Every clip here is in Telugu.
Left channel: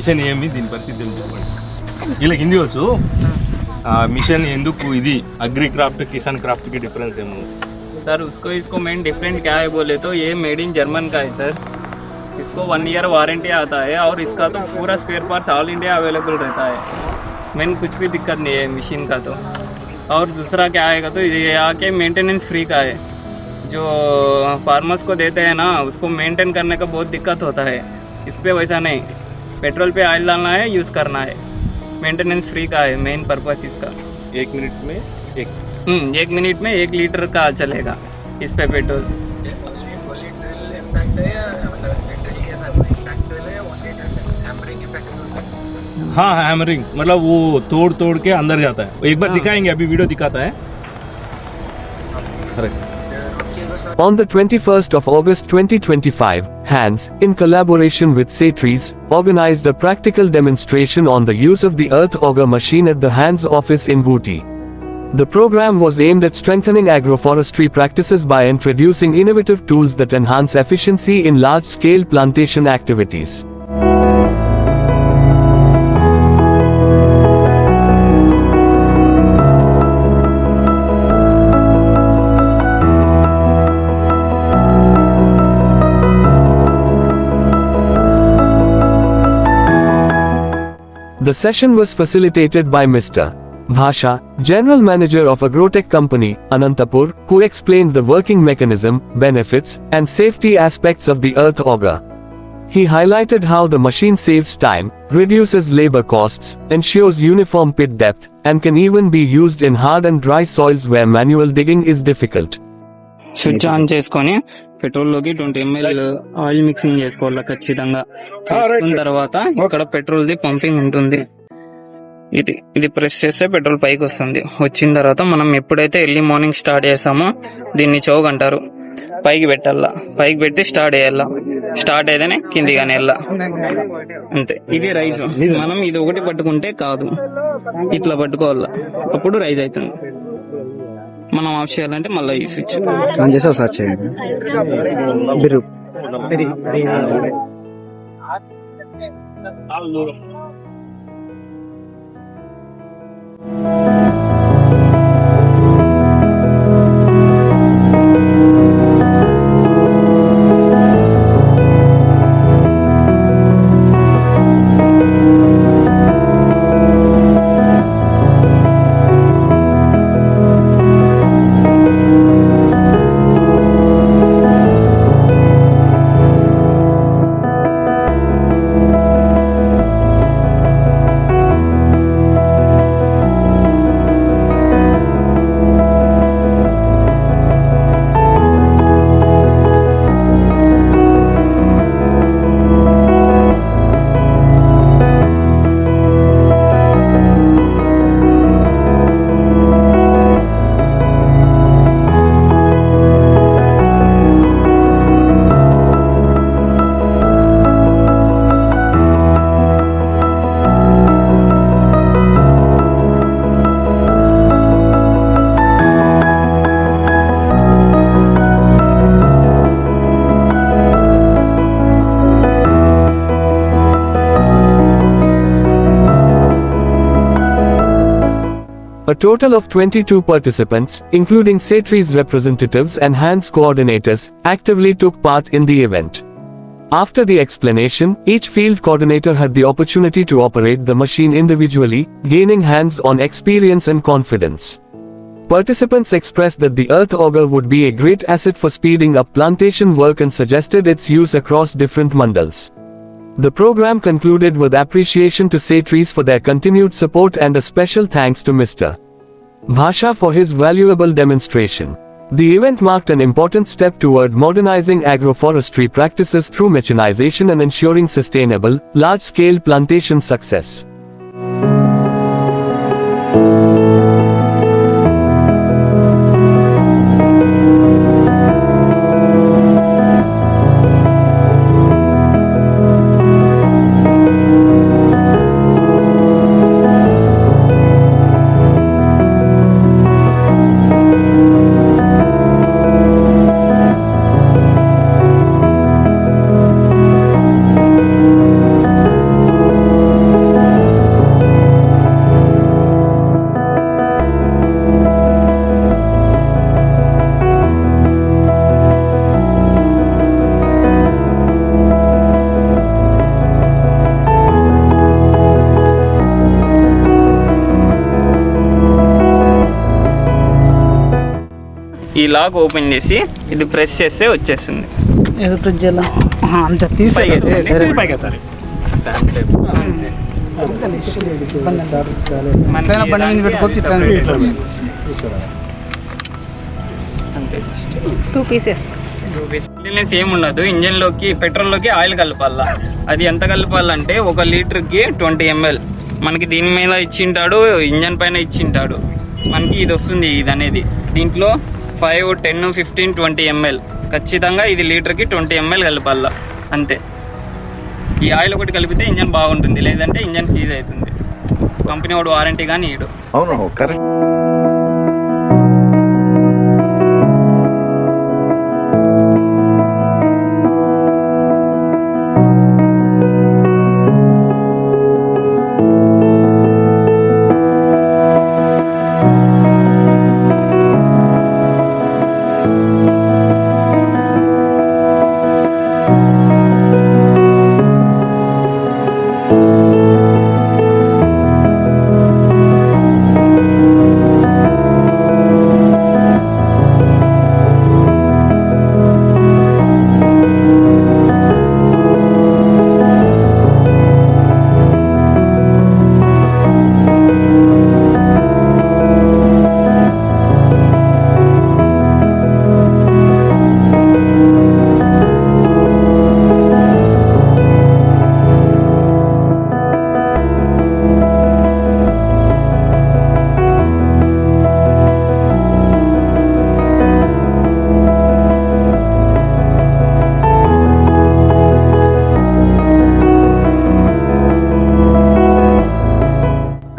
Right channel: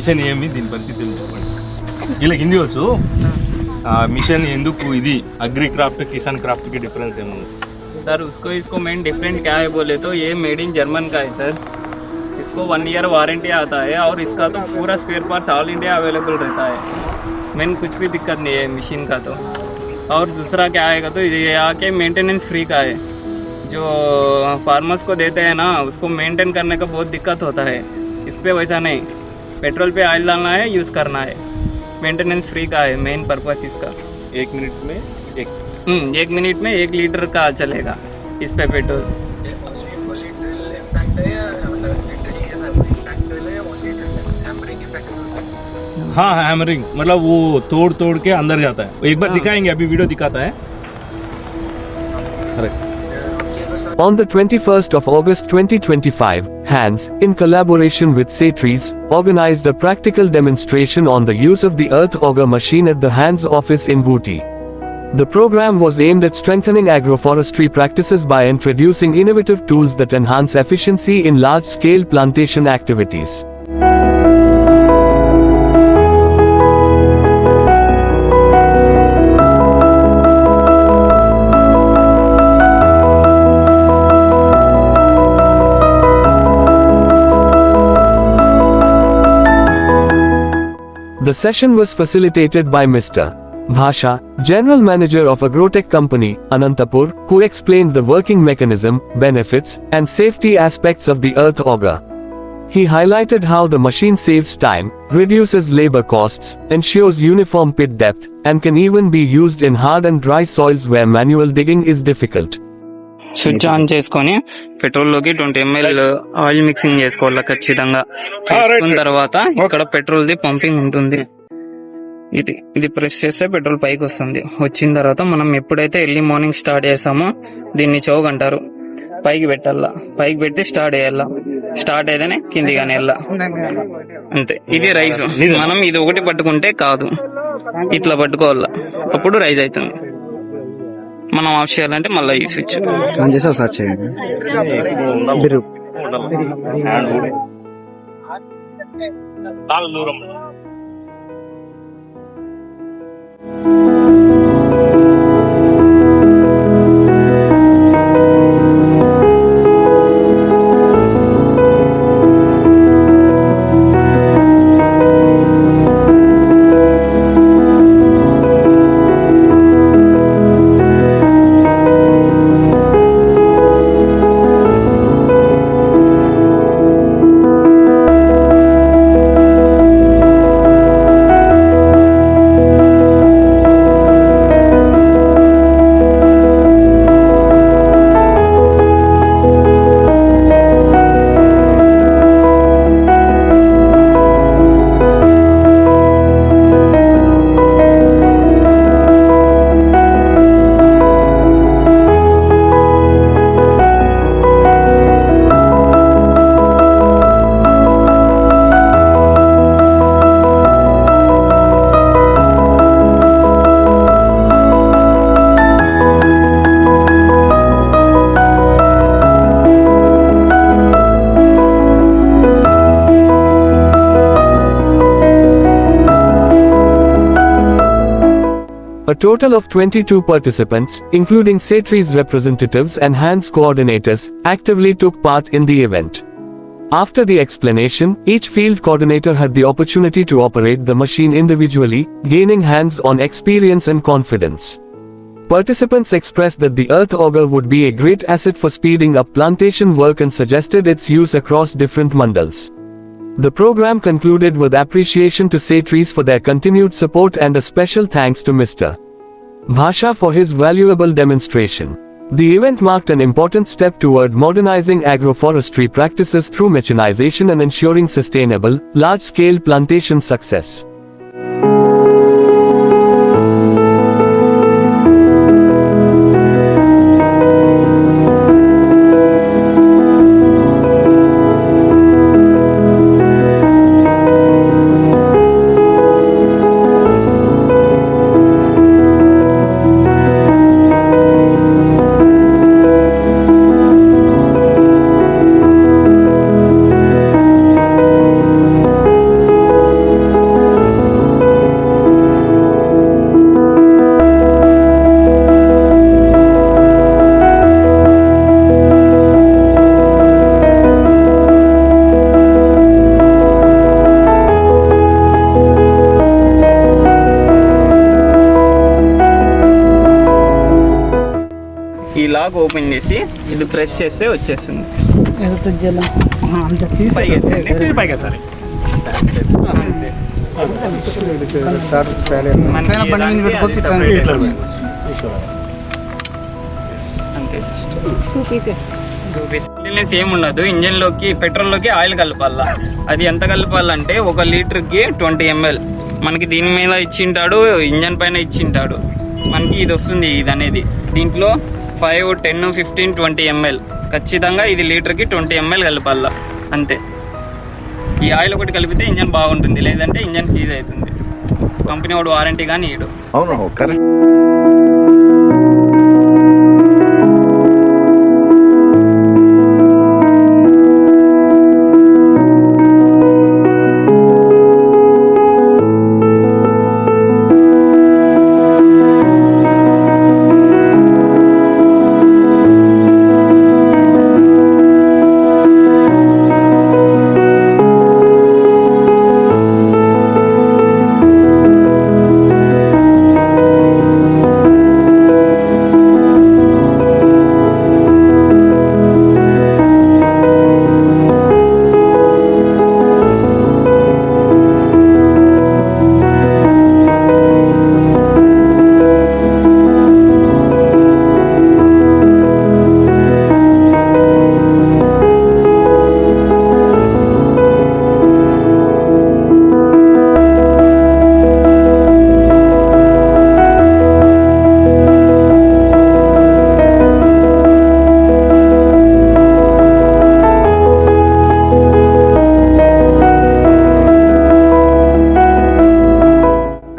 మిషన్ ఏమి దీని పరిస్థితి ఏమి చెప్పండి. వీళ్ళకి హిందీ వచ్చు. मिशन ఎందుకు ఇది अग्री क्राफ्ट किसान क्राफ्ट की डिफरेंस है सर? इसको मेन डिफरेंट क्या है बोले तो ये मेड इन जर्मन का है सर. इसको 1 ईयर वारंटी आता है और इसका तो पूरा spare parts all India available रहता है. मेन कुछ भी दिक्कत नहीं है मशीन का तो. और दूसरा क्या आएगा तो ये आके मेंटेनेंस फ्री का है. जो फार्मर्स को देते हैं ना उसको मेंटेन करने का बहुत दिक्कत होता है. इस पर वैसा नहीं, पेट्रोल पे ऑयल डालना है, यूज़ करना है, मेंटेनेंस फ्री का है मेन पर्पस इसका. 1 मिनट में 1 मिनट में 1 लीटर का चलेगा इस पे पेट्रोल. हाँ हैमरिंग मतलब वो तोड़ तोड़ के अंदर जाता है. एक बार दिखाएंगे, अभी वीडियो दिखाता है. अरे On the 21st of August 2025, Hans, in collaboration with Saitris, organized a practical demonstration on the use of the earth auger machine at the Hans office in Booty. The program was aimed at strengthening agroforestry practices by introducing innovative tools that enhance efficiency in large-scale plantation activities. The session was facilitated by Mr. Bhasha, General Manager of Agrotech Company, Anantapur, who explained the working mechanism, benefits, and safety aspects of the earth auger. He highlighted how the machine saves time, reduces labor costs, ensures uniform pit depth, and can even be used in hard and dry soils where manual digging is difficult. Switch on చేసుకొని పెట్రోల్లోకి 20 ml ఆయిల్ మిక్సింగ్ చేసుకోవాలి ఖచ్చితంగా. చేసుకున్న తర్వాత ఇక్కడ పెట్రోల్ది పంపింగ్ ఉంటుంది. ఇది ప్రెస్ చేస్తే పెట్రోల్ పైకి వస్తుంది. వచ్చిన తర్వాత మనం ఎప్పుడైతే ఎర్లీ మార్నింగ్ స్టార్ట్ చేస్తామో దీన్ని చౌక్ అంటారు. పైకి పెట్టాలా, పైకి పెట్టి స్టార్ట్ చేయాలా. స్టార్ట్ అయితేనే కిందిగానే వెళ్ళా, అంతే. ఇది రైస్. మనం ఇది ఒకటి పట్టుకుంటే కాదు, ఇట్లా పట్టుకోవాలా, అప్పుడు రైస్ అవుతుంది. మనం ఆఫ్ చేయాలంటే మళ్ళీ ఈ స్విచ్ ఆన్ చేసి ఒకసారి చేయండి. దూరం A total of 22 participants, including Saitris representatives and Hans coordinators, actively took part in the event. After the explanation, each field coordinator had the opportunity to operate the machine individually, gaining hands-on experience and confidence. Participants expressed that the earth auger would be a great asset for speeding up plantation work and suggested its use across different mandals. The program concluded with appreciation to Saitris for their continued support and a special thanks to Mr. Bhasha for his valuable demonstration. The event marked an important step toward modernizing agroforestry practices through mechanization and ensuring sustainable, large-scale plantation success. ఈ లాక్ ఓపెన్ చేసి ఇది ప్రెస్ చేస్తే వచ్చేస్తుంది. అంత తీసి పైకి ఎత్తండి. పైకి ఎత్తాలి. మనకి పైన బండి మీద పెట్టుకోవచ్చు, అది పైన separate. ఇట్లా అంతే జస్ట్ 2 pieces. క్లీనెస్ ఏమి ఉండదు. ఇంజన్ లోకి పెట్రోల్ లోకి ఆయిల్ కలపాల. అది ఎంత కలపాలంటే 1 లీటర్కి 20 ml. మనకి దీని మీద ఇచ్చింటాడు, ఇంజన్ పైన ఇచ్చింటాడు. మనకి ఇది వస్తుంది. ఇది అనేది దీంట్లో 5, 10, 15, 20 ml ఖచ్చితంగా ఇది లీటర్కి 20 ml కలపాల. అంతే. ఈ ఆయిల్ ఒకటి కలిపితే ఇంజన్ బాగుంటుంది, లేదంటే ఇంజన్ సీజ్ అవుతుంది. కంపెనీ వాడు వారంటీ కానీ ఇడు. అవును కరెక్ట్.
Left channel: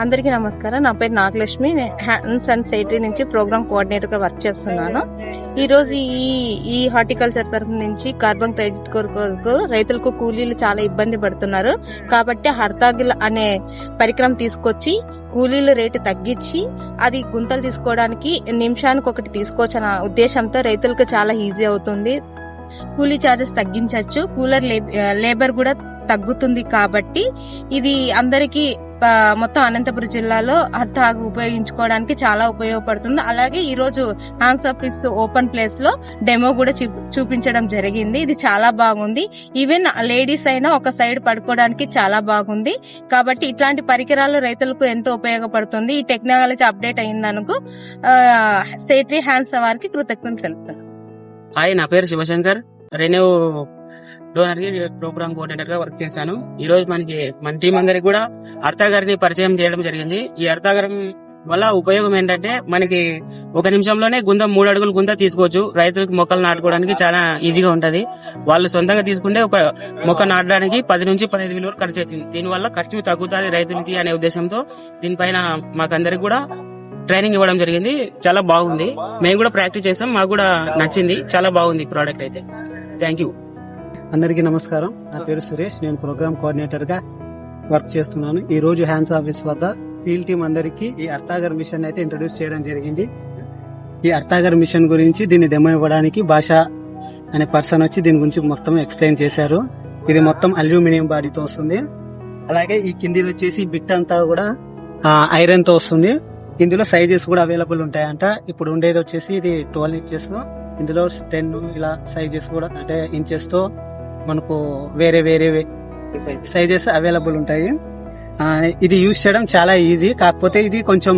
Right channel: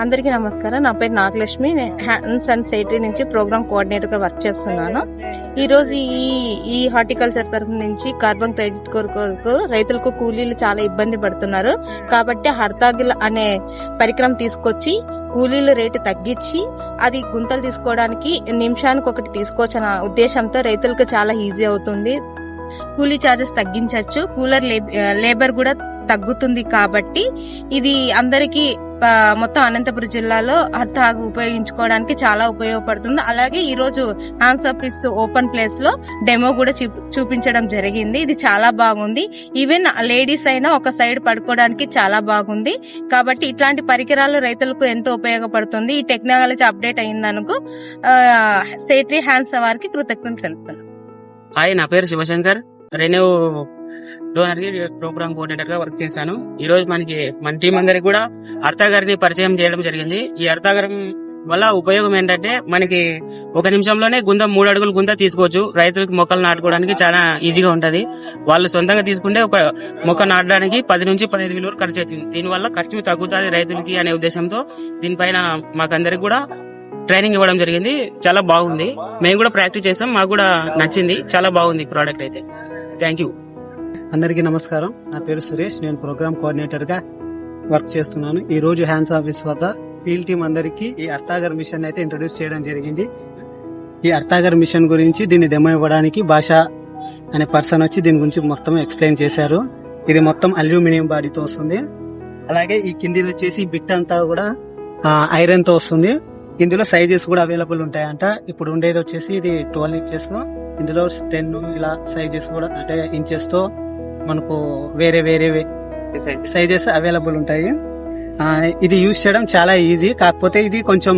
అందరికీ నమస్కారం. నా పేరు నాగలక్ష్మి. హ్యాండ్స్ అండ్ సేఫ్టీ నుంచి ప్రోగ్రామ్ కోఆర్డినేటర్ గా వర్క్ చేస్తున్నాను. ఈ రోజు ఈ హార్టికల్చర్ తరఫు నుంచి కార్బన్ క్రెడిట్ కొరకు రైతులకు కూలీలు చాలా ఇబ్బంది పడుతున్నారు. కాబట్టి హర్తాగిల్ అనే పరికరం తీసుకొచ్చి కూలీల రేటు తగ్గించి అది గుంతలు తీసుకోవడానికి నిమిషానికి ఒకటి తీసుకోవచ్చన్న ఉద్దేశంతో రైతులకు చాలా ఈజీ అవుతుంది. కూలీ చార్జెస్ తగ్గించవచ్చు, కూలర్ లేబర్ కూడా తగ్గుతుంది. కాబట్టి ఇది అందరికీ మొత్తం అనంతపురం జిల్లాలో హర్తాగ్ ఉపయోగించుకోవడానికి చాలా ఉపయోగపడుతుంది. అలాగే ఈ రోజు హ్యాండ్స్ ఆఫీస్ ఓపెన్ ప్లేస్ లో డెమో కూడా చూపించడం జరిగింది. ఇది చాలా బాగుంది. ఈవెన్ లేడీస్ అయినా ఒక సైడ్ పడుకోవడానికి చాలా బాగుంది. కాబట్టి ఇట్లాంటి పరికరాలు రైతులకు ఎంతో ఉపయోగపడుతుంది. ఈ టెక్నాలజీ అప్డేట్ అయిందనుకు సేట్రీ హ్యాండ్స్ వారికి కృతజ్ఞతలు తెలుపుతున్నాను. హాయ్, నా పేరు శివశంకర్. రెన్యూ డోనర్ కి ప్రోగ్రామ్ కోఆర్డినేటర్ గా వర్క్ చేశాను. ఈ రోజు మన టీం అందరికి కూడా హర్తాగారిని పరిచయం చేయడం జరిగింది. ఈ హర్తాగారం వల్ల ఉపయోగం ఏంటంటే మనకి 1 నిమిషంలోనే 3 అడుగులు గుంత తీసుకోవచ్చు. రైతులకు మొక్కలు నాటుకోవడానికి చాలా ఈజీగా ఉంటది. వాళ్ళు సొంతంగా తీసుకుంటే ఒక మొక్క నాటడానికి 10 నుంచి 15 వేల వరకు ఖర్చు అవుతుంది. దీనివల్ల ఖర్చు తగ్గుతుంది రైతులకి అనే ఉద్దేశంతో దీనిపైన మాకందరికి కూడా ట్రైనింగ్ ఇవ్వడం జరిగింది. చాలా బాగుంది. మేము కూడా ప్రాక్టీస్ చేసాం, మాకు కూడా నచ్చింది. చాలా బాగుంది ప్రోడక్ట్ అయితే. Thank you. అందరికీ నమస్కారం. నా పేరు సురేష్. నేను ప్రోగ్రామ్ కోఆర్డినేటర్ గా వర్క్ చేస్తున్నాను. ఈ రోజు హ్యాండ్స్ ఆఫీస్ వద్ద ఫీల్డ్ టీమ్ అందరికి ఈ హర్తాగర్ మిషన్ అయితే ఇంట్రొడ్యూస్ చేయడం జరిగింది. ఈ హర్తాగర్ మిషన్ గురించి దీన్ని డెమో ఇవ్వడానికి భాష అనే పర్సన్ వచ్చి దీని గురించి మొత్తం ఎక్స్ప్లెయిన్ చేశారు. ఇది మొత్తం అల్యూమినియం బాడీతో వస్తుంది. అలాగే ఈ కింది వచ్చేసి బిట్ అంతా కూడా ఐరన్ తో వస్తుంది. ఇందులో సైజెస్ కూడా అవైలబుల్ ఉంటాయంట. ఇప్పుడు ఉండేది వచ్చేసి ఇది 12 ఇంచెస్. ఇందులో 10 ఇలా సైజెస్ కూడా అంటే ఇంచెస్ తో మనకు వేరే వేరే సైజెస్ అవైలబుల్ ఉంటాయి. ఇది యూజ్ చేయడం చాలా ఈజీ. కాకపోతే ఇది కొంచెం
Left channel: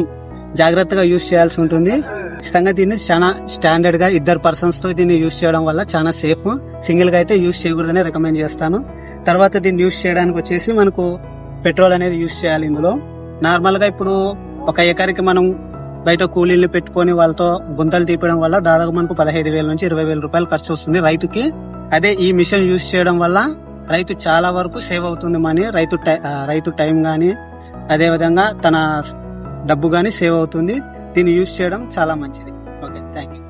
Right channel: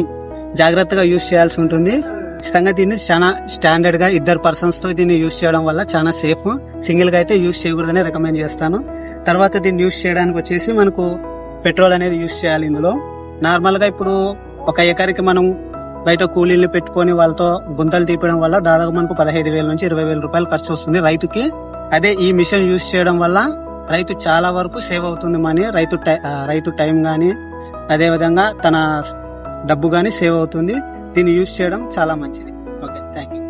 జాగ్రత్తగా యూజ్ చేయాల్సి ఉంటుంది. ఖచ్చితంగా దీన్ని చాలా స్టాండర్డ్ గా 2 పర్సన్స్ తో దీన్ని యూజ్ చేయడం వల్ల చాలా సేఫ్. సింగిల్ గా అయితే యూజ్ చేయకూడదని రికమెండ్ చేస్తాను. తర్వాత దీన్ని యూజ్ చేయడానికి వచ్చేసి మనకు పెట్రోల్ అనేది యూజ్ చేయాలి. ఇందులో నార్మల్ గా ఇప్పుడు 1 ఎకరికి మనం బయట కూలీలు పెట్టుకొని వాళ్ళతో గుంతలు తీపడం వల్ల దాదాపు మనకు 15,000 నుంచి 20,000 రూపాయలు ఖర్చు వస్తుంది రైతుకి. అదే ఈ మిషన్ యూజ్ చేయడం వల్ల రైతు చాలా వరకు సేవ్ అవుతుంది మనీ. రైతు టైం గానీ అదే విధంగా తన డబ్బు గానీ సేవ్ అవుతుంది. దీన్ని యూజ్ చేయడం చాలా మంచిది. Okay, thank you.